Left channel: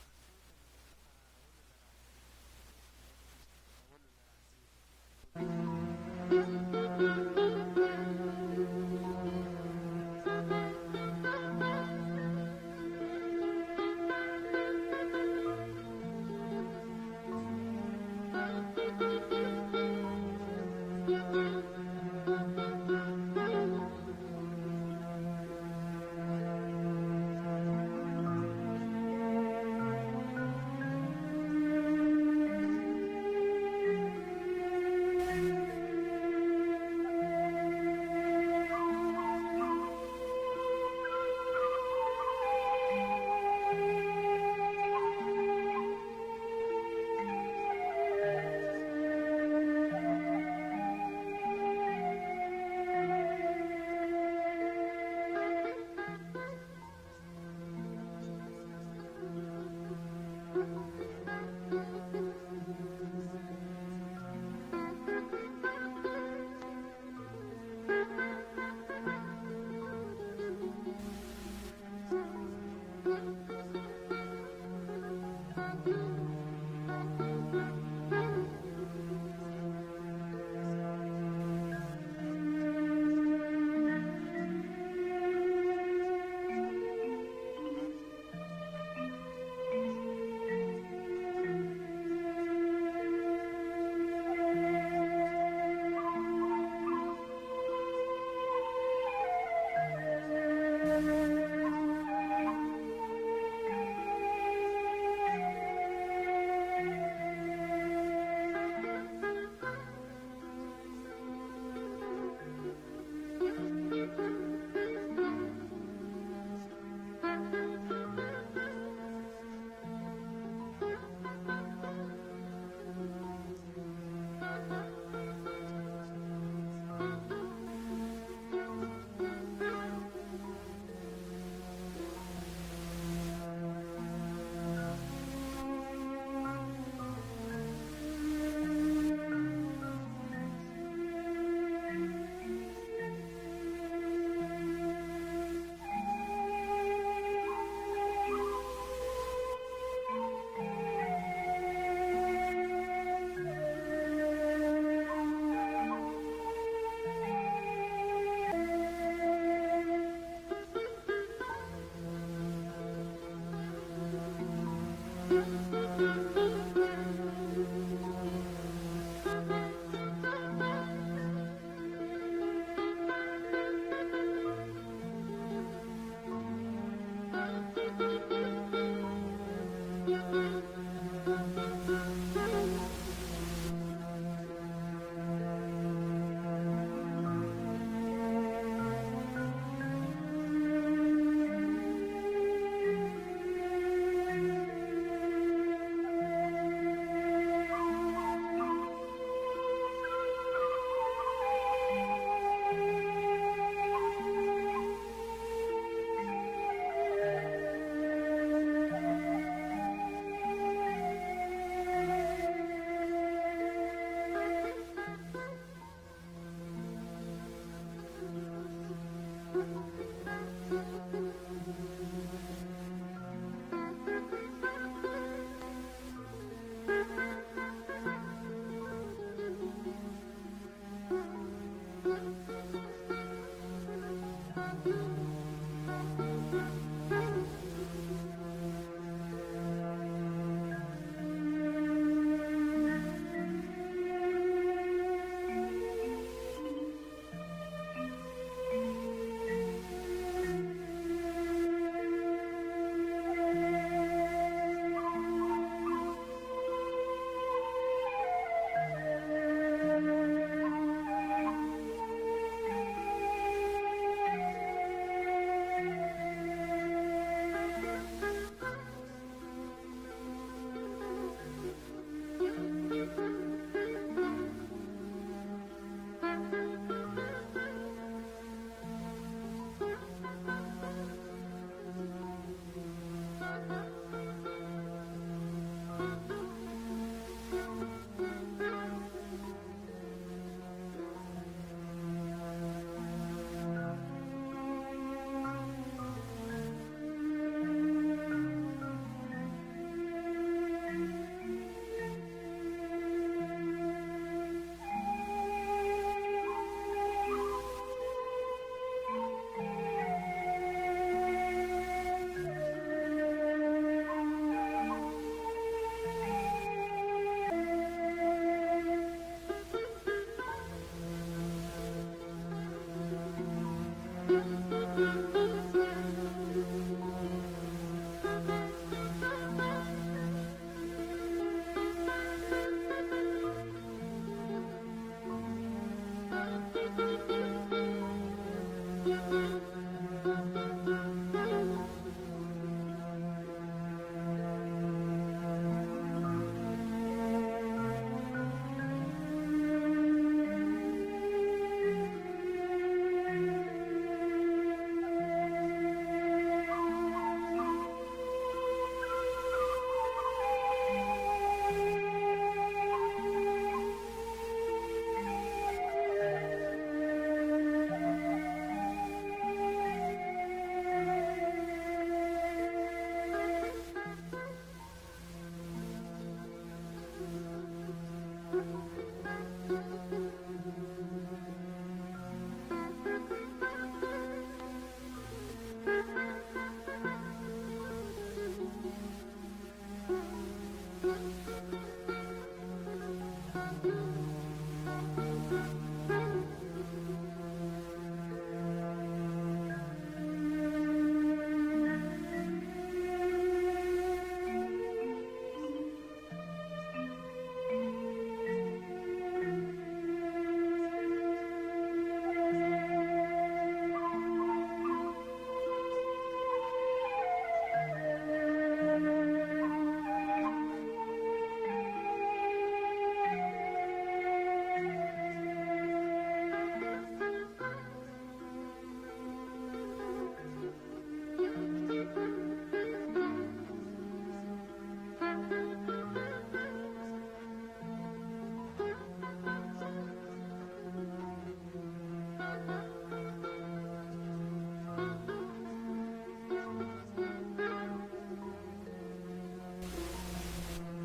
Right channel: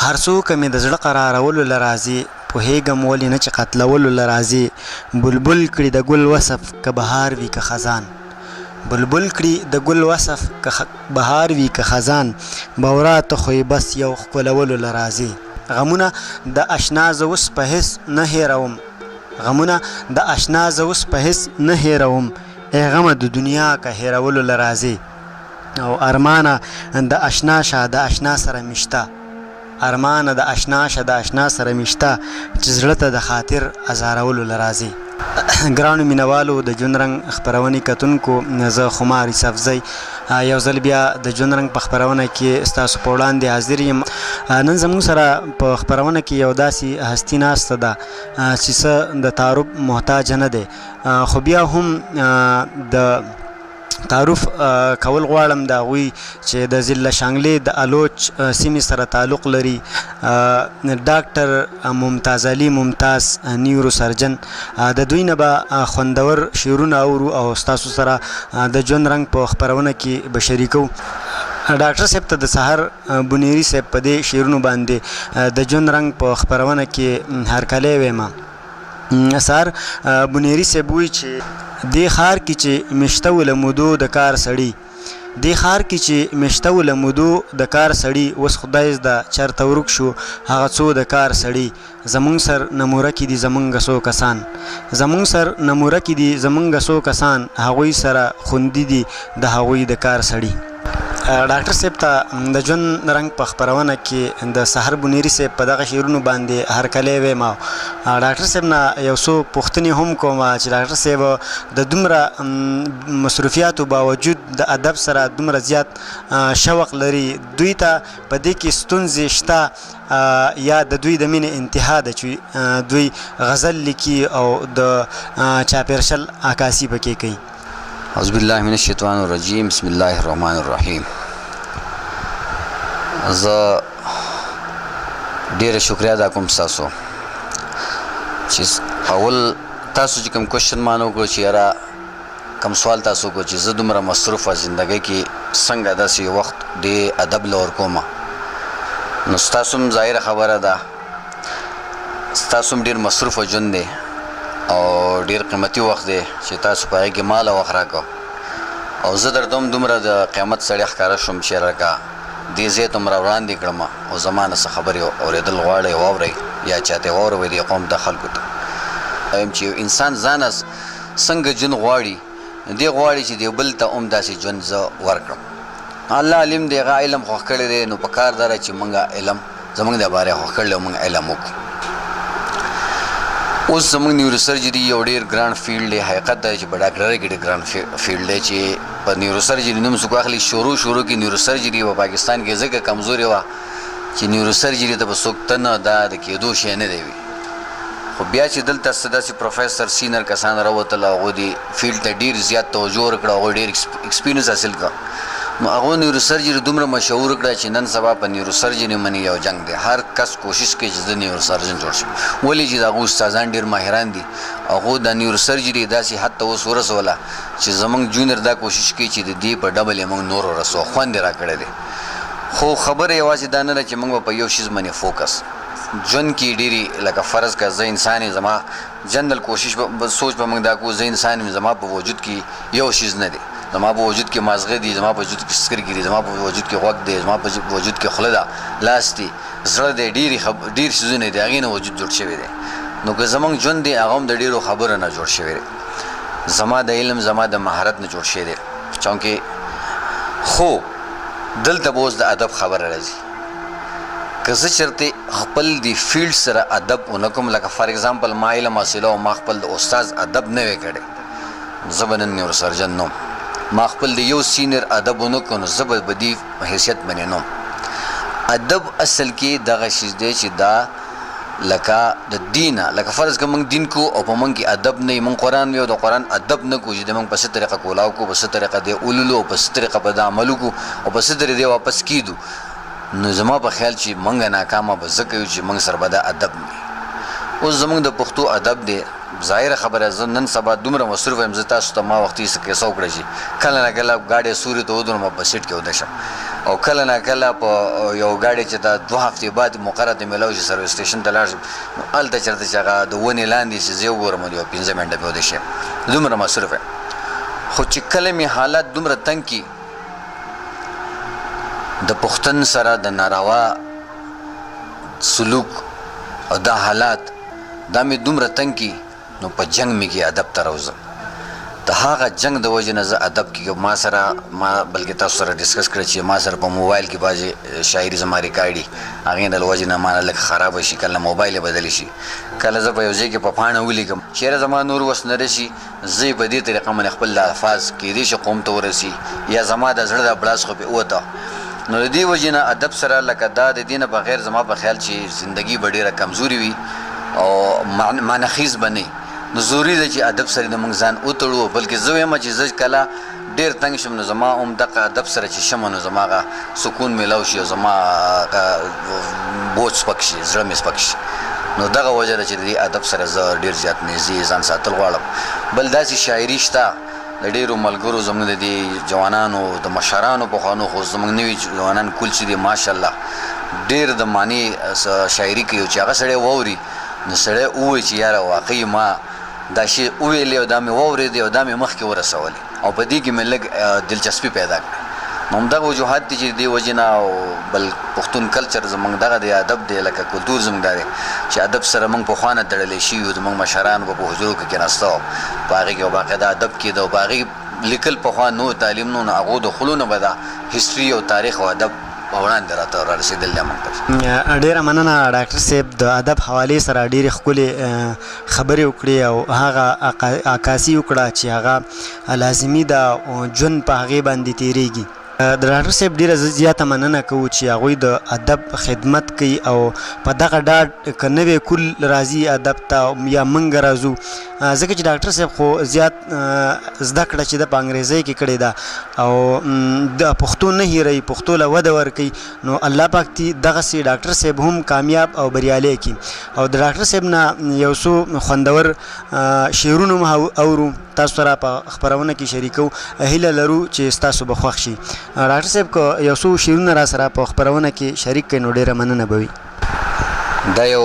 هر څوک مې د زړه قرارولو له راځي، پوهېږم ولې نه چې قتلولو له راځي. بلبل کړي د ګل وصف که بهار وي که خزان، بلبل کړي د ګل وصف که بهار وي که خزان. بورا ته خو یې بس یو ښکلولو له راځي. غمونه د اشنا زه اوس په هېڅ نه هېروم، غمونه د اشنا زه اوس په هېڅ نه هېروم. ای غمه د دنیا که هېرولو له راځي. او ارمانه د اشنا شه د اشنا سره مشته، ارمانه د اشنا شه د اشنا سره مشته، چې زړه ته د خاطر ازارولو له راځي. ګرانو مینوالو د ژوند رنګ خپرونې کتونکو، زه خمار یوسفزی یو ځل بیا د ژوند رنګ په خپرونه کې ستاسو په وړاندې حاضر یم. نن زموږ سره په خپرونه کې یو داسې هستي ناسته ده چې څه د تعارف محتاج نه دی، خو بیا هم د تعارف کول غواړم د هغوی چې د ضلع شانګلې د الوچ سیمې سره تعلق لري. ډاکټر ممتاز علي ممتاز نیورو سرجن، د دوی نه به خوندور شعرونه اورو او ستاسو سره د ژوند رنګ په خپرونه کې به شریکو. ډاکټر صاحب ته د سحر بنیري صاحب په دې شعرونو باندې د ژوند رنګ په خپرونه کې هرکلی ویمه. سحر بنیري صاحب وایي چې دې ښار کې چې مشته و له مودو د کار سړي، دې ښار کې چې مشته و له مودو د کار سړي، اوس خدای زده چېرته ورک شو هغه څو د کار سړي. زمونږ سر نموره کې دي زمونږ څو کسان، زمونږ سر نموره کې دي زمونږ څو کسان، هغوی سره خوندي دي د هغوی د کار سړي. ډاکټر صاحب ته د ژوند رنګ په خپرونه کې د سحر بنیري صاحب په دغه شعرونو باندې هرکلی ویم. ډاکټر صاحب نه یو څو پوښتنې هم کوم چې ډاکټر صاحب د دومره مصروفیاتو باوجود د ادب سره دومره زیات شوق لري، دوی ته په دې کې ستونزې شته یا د دوی د مینې انتها ده چې دوی غزل لیکي او د چاپېرشل عکاسي پکې کوي؟ اعوذ بالله من الشیطان الرجیم، بسم الله الرحمن الرحیم. زه ډیره شکریا ادا کوم ستاسو چې اول تاسو چې کوم کوشچن ما نه وکړو چې یاره کوم سوال تاسو وکړو چې زه دومره مصروفه زندګۍ کې څنګه داسې وخت د ادب له ورکومه. نو ستاسو هم ظاهره خبره ده، ستاسو هم ډېر مصروفه ژوند دی او ډېر قیمتي وخت دی چې تاسو په هغې کې مال وخت راکړو، او زه درته هم دومره د قیامت سړی ښکاره شوم چې راکړه دې ځای ته م را وړاندې کړم او زما نه څه خبرې اورېدل غواړئ واورئ یا چاته واوروئ دې قوم د خلکو ته. وایم چې یو انسان ځانه څنګه ژوند غواړي، دې غواړي چې دې بل ته هم داسې ژوند زه ورکړم. الله علم دی، هغه علم خوښ کړی دی، نو په کار دا ده چې موږ علم زموږ د باره خوښ کړی او موږ علم وکړو. اوس زموږ نیورو سرجري یو ډېر ګران فیلډ دی، حقیقت دا چې په ډاکټرۍ کې ډېر ګران فیلډ دی چې په نیورو سرجري نوم څوک اخلي. شروع کې نیورو سرجري په پاکستان کې ځکه کمزورې وه چې نیورو سرجري ته به څوک ته نه دا د کېدو شی نه دی وي، خو بیا چې دلته څه داسې پروفیسر سینر کسان راوتل، هغوی دې فیلډ ته ډېر زیات توجه ورکړه، هغوی ډېر ایکسپیرینس حاصل کړه. نو هغوی نیورو سرجري دومره مشهور کړه چې نن سبا په نیورو سرجري باندې یو جنګ دی، هر کس کوشش کوي چې د نیورو سرجن جوړ شي. ولې چې د هغوی استادان ډېر ماهران دي، هغوی د نیورو سرجري داسې حد ته اوس ورسوله چې زموږ جونیر دا کوشش کوي چې د دې په ډبل یې موږ نور ورسوو. خوند یې راکړی دی، خو خبره یوازې دا نه ده چې موږ به په یو شیز باندې فوکس ژوند کې ډېرې لکه فرض که زه انسان یم، زما جنرل کوشش سوچ به موږ دا کوو زه انسان یم، زما په وجود کې یو شیز نه دی، زما په وجود کې مازغه دي، زما په وجود کې سترګې دي، زما په وجود کې غوږ دی، زما په وجود کې خوله ده، لاس دی، زړه دی، ډېر څیزونه دي، هغې نه وجود جوړ شوی دی. نو که زموږ ژوند دی هغه هم د ډېرو خبرو نه جوړ شوی دی، زما د علم زما د مهارت نه جوړ شوی دی. چونکې خو دلته به اوس د ادب خبره راځي. که زه چېرته خپل د فیلډ سره ادب ونه کوم، لکه فار اګزامپل ما علم حاصله او ما خپل د استاذ ادب نه وی کړی، زه به نن نیورو سرجن نوم. ما خپل د یو سینیر ادب ونه کړو، نو زه به په دې حیثیت باندې نوم. ادب اصل کې دغه شیز دی چې دا لکه د دینه، لکه فرض که موږ دین کو او په موږ کې ادب نه وي، موږ قرآن وي او د قرآن ادب نه کوو چې د موږ په څه طریقه کولاو کو، په څه طریقه دی اولولو، او په څه طریقه په د عمل وکړو او په څه طریقه دی واپس کیدو، نو زما په خیال چې موږ ناکامه به ځکه یو چې موږ سره به دا ادب نه وي. اوس زموږ د پښتو ادب دی، ظاهره خبره زه نن سبا دومره مصروف یم، زه تاسو ته ما وختي څه کیسه وکړه چې کله نه کله ګاډۍ سوري ته ودرم او په سیټ کې ویده شم، او کله نه کله په یو ګاډي چې دا 2 هفتې بعد مقرره ته میلاو شي سروس سټیشن ته لاړ شم هلته چېرته چې هغه د ونې لاندې چې زه وګورم یو 15 منټه به ودې شم دومره مصروف یم خو چې کله مې حالات دومره تنګ کي د پښتون سره د ناروا سلوک او دا حالات دا مې دومره تنګ کي نو په جنګ مې کې ادب ته راوځم د هغه جنگ د وجې نه زه ادب کې ما بلکې تاسو سره ډسکس کړی چې ما سره په موبایل کې بعضې شاعري زما ریکارډي هغې د وجې نه ما لږ خرابه شي کله موبایل یې بدلی شي کله زه په یو ځای کې په پاڼه ولیکم چېرې زما نور وس نه رسي زه یې په دې طریقه باندې خپل الفاظ کیدای شي قوم ته ورسي یا زما د زړه د بړاس خو پې ووته نو د دې وجې نه ادب سره لکه دا د دې نه بغیر زما په خیال چې زندګي به ډېره کمزوري وي او معنخیز به نه نو ضروري ده چې ادب سره د موږ ځان وتړو بلکې زه وایم چې زه کله ډېر تنګ شم نو زما هم دغه ادب سره چې شم نو زما هغه سکون میلاو شي او زما بوج سپک شي زړه مې سپک شي نو دغه وجه ده چې د دې ادب سره زه ډېر زیات نږدې ځان ساتل غواړم بل داسې شاعري شته د ډېرو ملګرو زموږ د دې جوانانو د مشرانو پخوانو خو زموږ نوي جوانان کل چې دي ماشاءالله ډېر د معنی شاعري کوي چې هغه سړی واوري نو سړی ووایي چې یاره واقعي ما دا شی وویلې او دا مې واورېدې او دا مې مخکې ورسولې او په دې کې مې لږ دلچسپي پیدا کړه نو همدغه وجوهات دي چې د دې وجې نه او بل پښتون کلچر زموږ دغه د ادب دی لکه کلتور زموږ دا دی چې ادب سره موږ پخوا نه تړلی شوي یو زموږ مشران به په حجرو کې کېناسته وو په هغې کې به باقاعده ادب کېده او په هغې لیکل پخوا نو تعلیم نو هغو د خلو نه به دا هسټري او تاریخ او ادب وړاندې راته رارسېدل دی موږ ته ډېره مننه ډاکټر صاحب د ادب حوالې سره ډېرې ښکلې خبرې وکړې او هغه عکاسي وکړه چې هغه لازمي ده ژوند په هغې باندې تېرېږي د ډاکټر صاحب ډېره زیاته مننه کوو چې هغوی د ادب خدمت کوي او په دغه ډاډ که نوی کل راځي ادب ته یا موږ راځو ځکه چې ډاکټر صاحب خو زیات زده کړه چې ده په انګریزۍ کې کړې ده او د پښتو نه هیروي پښتو له وده ورکوي نو الله پاک دې دغسې ډاکټر صاحب هم کامیاب او بریالی کړي او د ډاکټر صاحب نه یو څو خوندور شعرونه هم اورو تاسو سره په خپرونه کې شریکو هیله لرو چې ستاسو به خوښ شي ډاکټر صاحب که یو څو شعرونه را سره په خپرونه کې شریک کړئ نو ډېره مننه به وي دا یو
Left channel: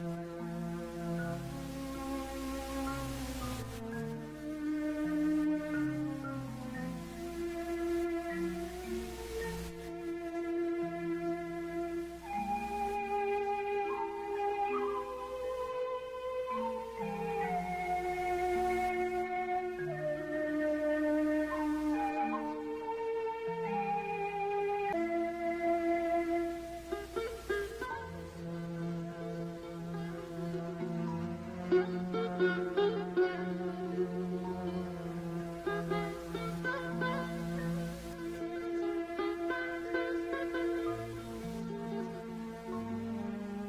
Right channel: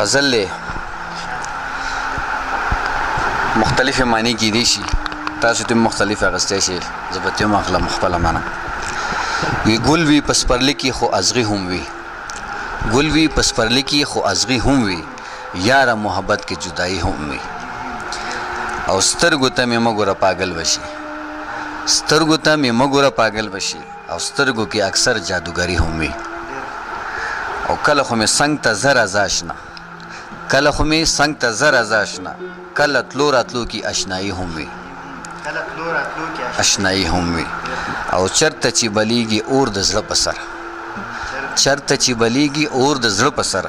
غزل دی مختلفې معنی کیدی شي تاسو ته مختلف اغستی شي زه به ترې هم اخلم خپله معنی وی ګل وي په سپرلي کې خو ازغي هم وي ګل وي په سپرلي کې خو ازغي هم وي یاره محبت کې جدایي هم وي او سترګو ته مې مه ګوره پاگل وشي سترګو ته مې مه ګوره پاگل وشي او سترګو کې اکثر جادوګري هم وي او کله خو مې څنګ ته زه راځه اشنا کله خو مې څنګ ته زه راځه اشنا کله تلو راتلو کې اشنایي هم وي اشنایي هم وي او چرته چې بلیږي اور د زړه په سر چرته چې بلیږي اور د زړه په سر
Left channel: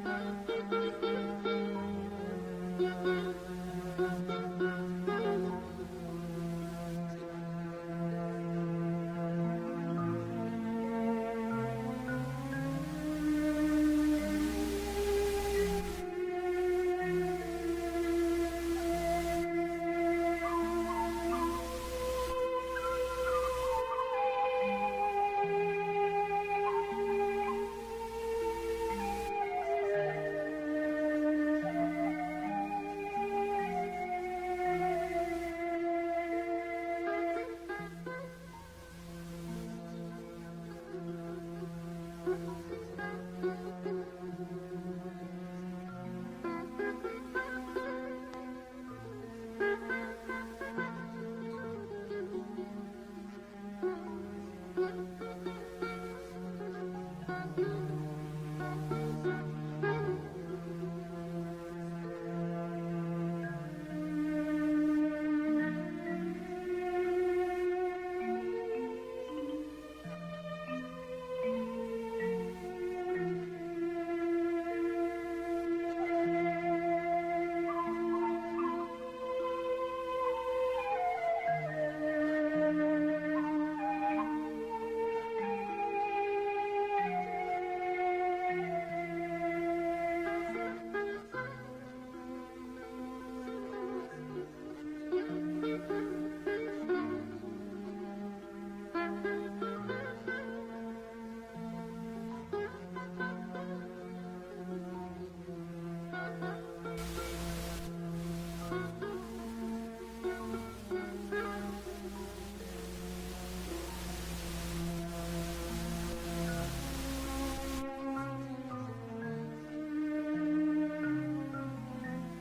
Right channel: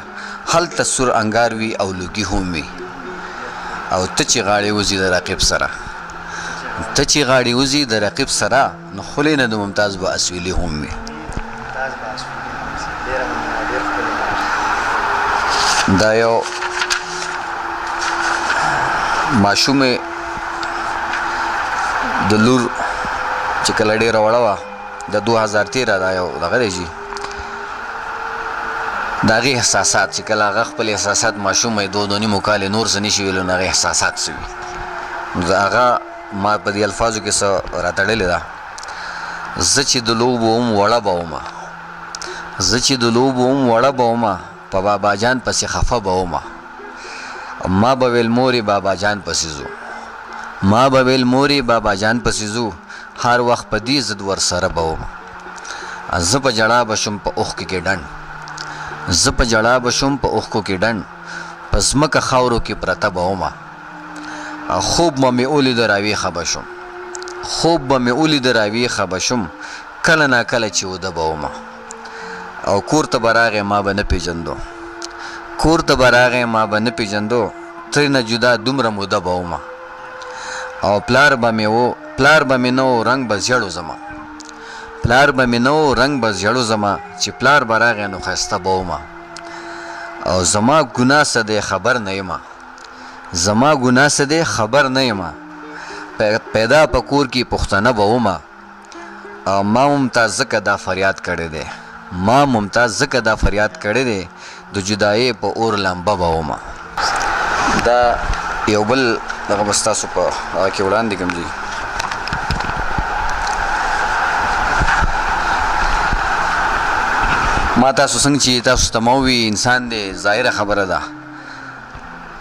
هلته سور انګار وي او لوګي هم وي او ته چې غاړې وځي د رقیب سره ته چې غاړې وځي د رقیب سره نو خولې نه د ممتاز به اسویلي هم وي دا یو ماشومې د لور چې کله ډېره وړه وه د 2013 دا یو دغه دی چې د هغې احساسات چې کله هغه خپل احساسات ماشوم یې 2 نیمو کالې نور څه نشي ویلو نو هغې احساسات څه وي نو د هغه ما په دې الفاظو کې څه راتړلې ده زه چې د لوبو هم وړه به ومه زه چې د لوبو هم وړه به ومه په بابا جان پسې خفه به ومه ما به ویل مورې بابا جان پسې ځو ما به ویل مورې بابا جان پسې ځو هر وخت په دې ضد ورسره به ومه زه په ژړا به شم په اوښکو کې ډنډ زه په ژړا به شم په اوښکو کې ډنډ په ځمکه خاورو کې پرته به ومه خوب به مې ولیده راویښه به شم خوب به مې ولیده راویښه به شم کله ناکله چې وده به ومه او کور ته به راغی ما به نه پېژندو کور ته به راغی ما به نه پېژندو ترېنه جدا دومره موده به ومه او پلار به مې نه و رنګ به زیړو زما پلار به مې نه و رنګ به زیړو زما چې پلار به راغی نو ښایسته به ومه او زما ګناه څه دی خبر نه یمه زما ګناه څه دی خبر نه یمه پیدا په کور کې پښتنه به ومه ما ممتاز ځکه دا فریاد کړی دی ما ممتاز ځکه دا فریاد کړی دی د جدایۍ په اور لمبه به ومه دا یو بل دغه به ستاسو په هغه کې وړاندې کړم جي ما تاسو څنګه چې تاسو ته ما ووي انسان دی ظاهره خبره ده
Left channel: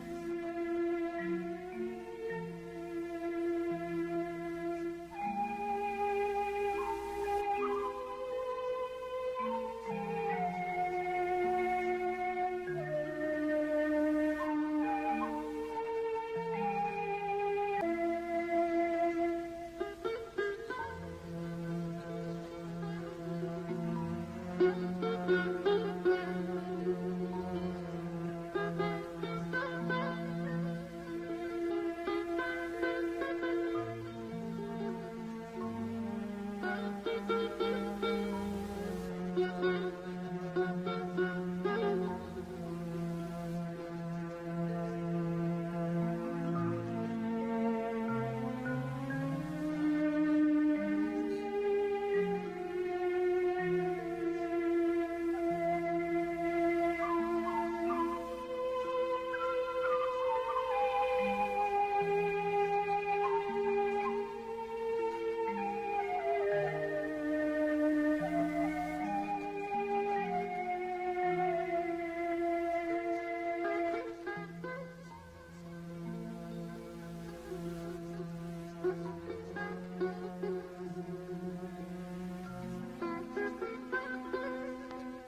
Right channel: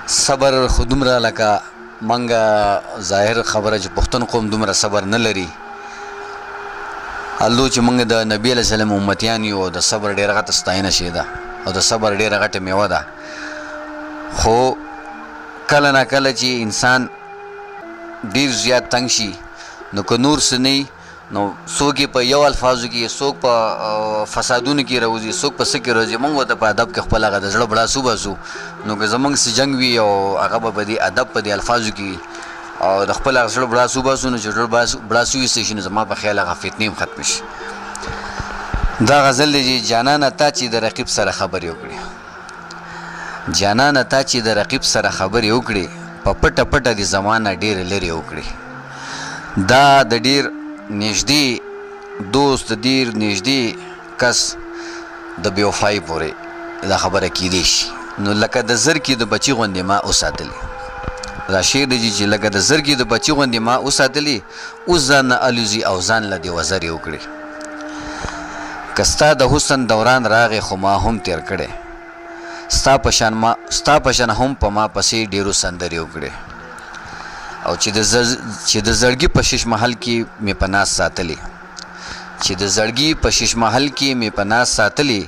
صبر خو دومره لکه منګه ظاهر خبره چې پښتون قوم دومره صبر نه لري الله چې موږ د نبی علیه السلام امتیان یو د صبر ډېره غټه ستاینه شی ده او د صبر ډېره غټه میوه ده خو کله نه کله چې انسان ډېر زیات تنګ شي نو که نور څه نه نو څوک یې په یو الفاظو کې څوک په فسادونو کې راوځي څوک په څه کې راځي موږ ورته په ادب کې خپل هغه د زړه بړاس وباسو نو که زموږ څه جنګ وي او هغه به په دې ادب په دې الفاظو کې او د خپل هغه زړه بړاس وباسو نو چې زړه بړاس وویستی شي نو زما په خیال هغه فتنې هم ختمې شي دا غزل دی چې جانانه تا چې د رقیب سره خبرې وکړې جانانه تا چې د رقیب سره خبرې وکړې په پټه پټه دې زمانه ډېرې لرې وکړې دا د ډېر نږدې دوست ډېر نږدې کس د بېوفایي پورې دا خبره کیدی شي نو لکه د زرکې د بچي غوندې ما وساتلې دا شعر دی چې لکه د زرکې د بچي غوندې ما وساتلې اوس ځان نه الوزي او ځان له دې وزرې وکړې که ستا د حسن دوران راغې خو ما هم تېر کړی ستا په شان هم په ما پسې ډېرو سندرې وکړې او چې د زړګي په شش محل کې مې په ناز ساتلې چې د زړګي په شش محل کې مې په ناز ساتلې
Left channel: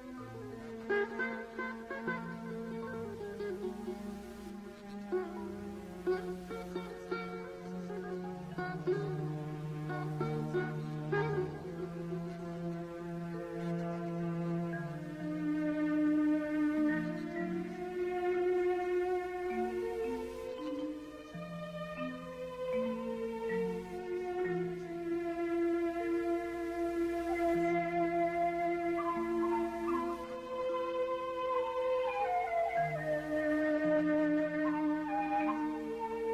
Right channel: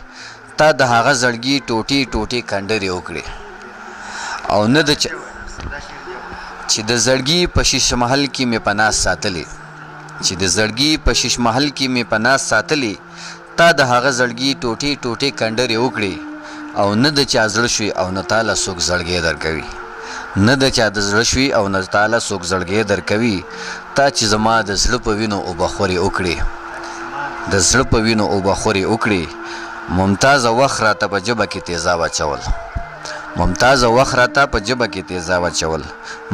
تا د هغه زړګي ټوټې ټوټې کنډرې وکړې او نه د چې د زړګي په شش محل کې مې په ناز ساتلې چې د زړګي په شش محل کې مې په ناز ساتلې تا د هغه زړګي ټوټې ټوټې کنډرې وکړې او نه د چا زړه شوي او نه تاله څوک زړګی درکوي نه د چا د زړه شوي او نه تاله څوک زړګی درکوي تا چې زما د زړه په وینو اوبه خورې وکړې د زړه په وینو اوبه خورې وکړې ممتازه وخت راته په ژبه کې تیزاب اچول ممتازه وخت راته په ژبه کې تیزاب اچول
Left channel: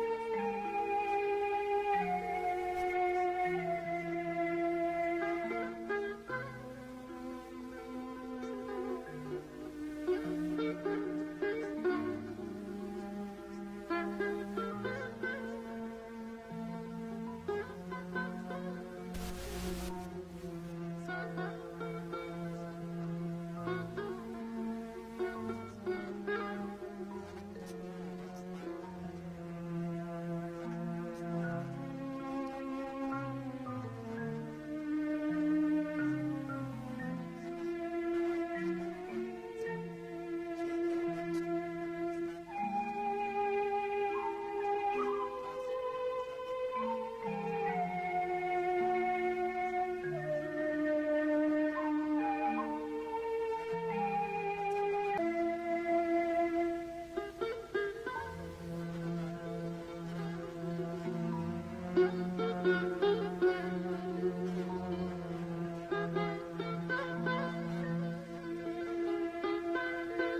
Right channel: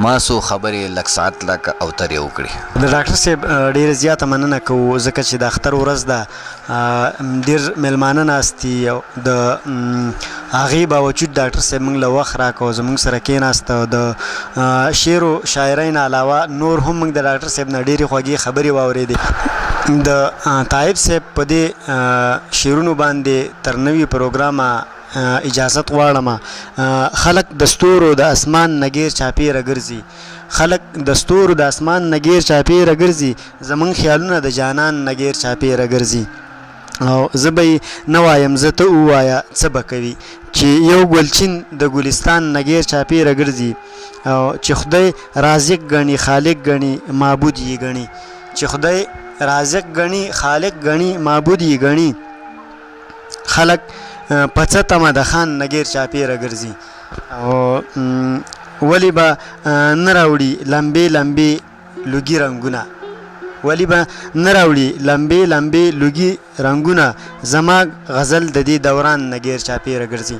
ما څو خبرې لږ ساعت لکه اوترې وکړې د ډاکټر صاحب ډېره زیاته مننه کوو ځکه چې د اختر ورځ ده ډېر میلمانه ناست دي او د هغې باوجود ډاکټر صاحب موږ له وخت راکړو زموږ سره کېناست او د شعر و شاعرۍ نه علاوه نور هم موږ د ډاکټر صاحب نه ډېرې خوږې خبرې واورېدې د طایب صاحب په دې شعرونو باندې تر نوي پروګرامه اجازت غواړم خلک د ستورو د اسمان نه غیر چاپېره ګرځي خلک د ستورو د اسمان نه غیر چاپېره ګرځي زموږ خیالونه د جانان نه غیر چاپېره ګرځي او زه به یې نه وایم زه ته ووایه څه به کوي چې یو ګلچین د ګلستان نه غیر چاپېره ګرځي او چې خدای رازق ګڼي خالق ګڼي معبود یې ګڼي چې خدای رازق ګڼي خالق ګڼي معبود یې ګڼي خلک په څه تمه د خان نه غیر چاپېره ګرځي او ولې به نه راوړي لمبې لمبې لوګي رنګونه ولې به نه راوړي لمبې لمبې لوګي رنګونه زما غزل د دې دوران نه غیر چاپېره ګرځي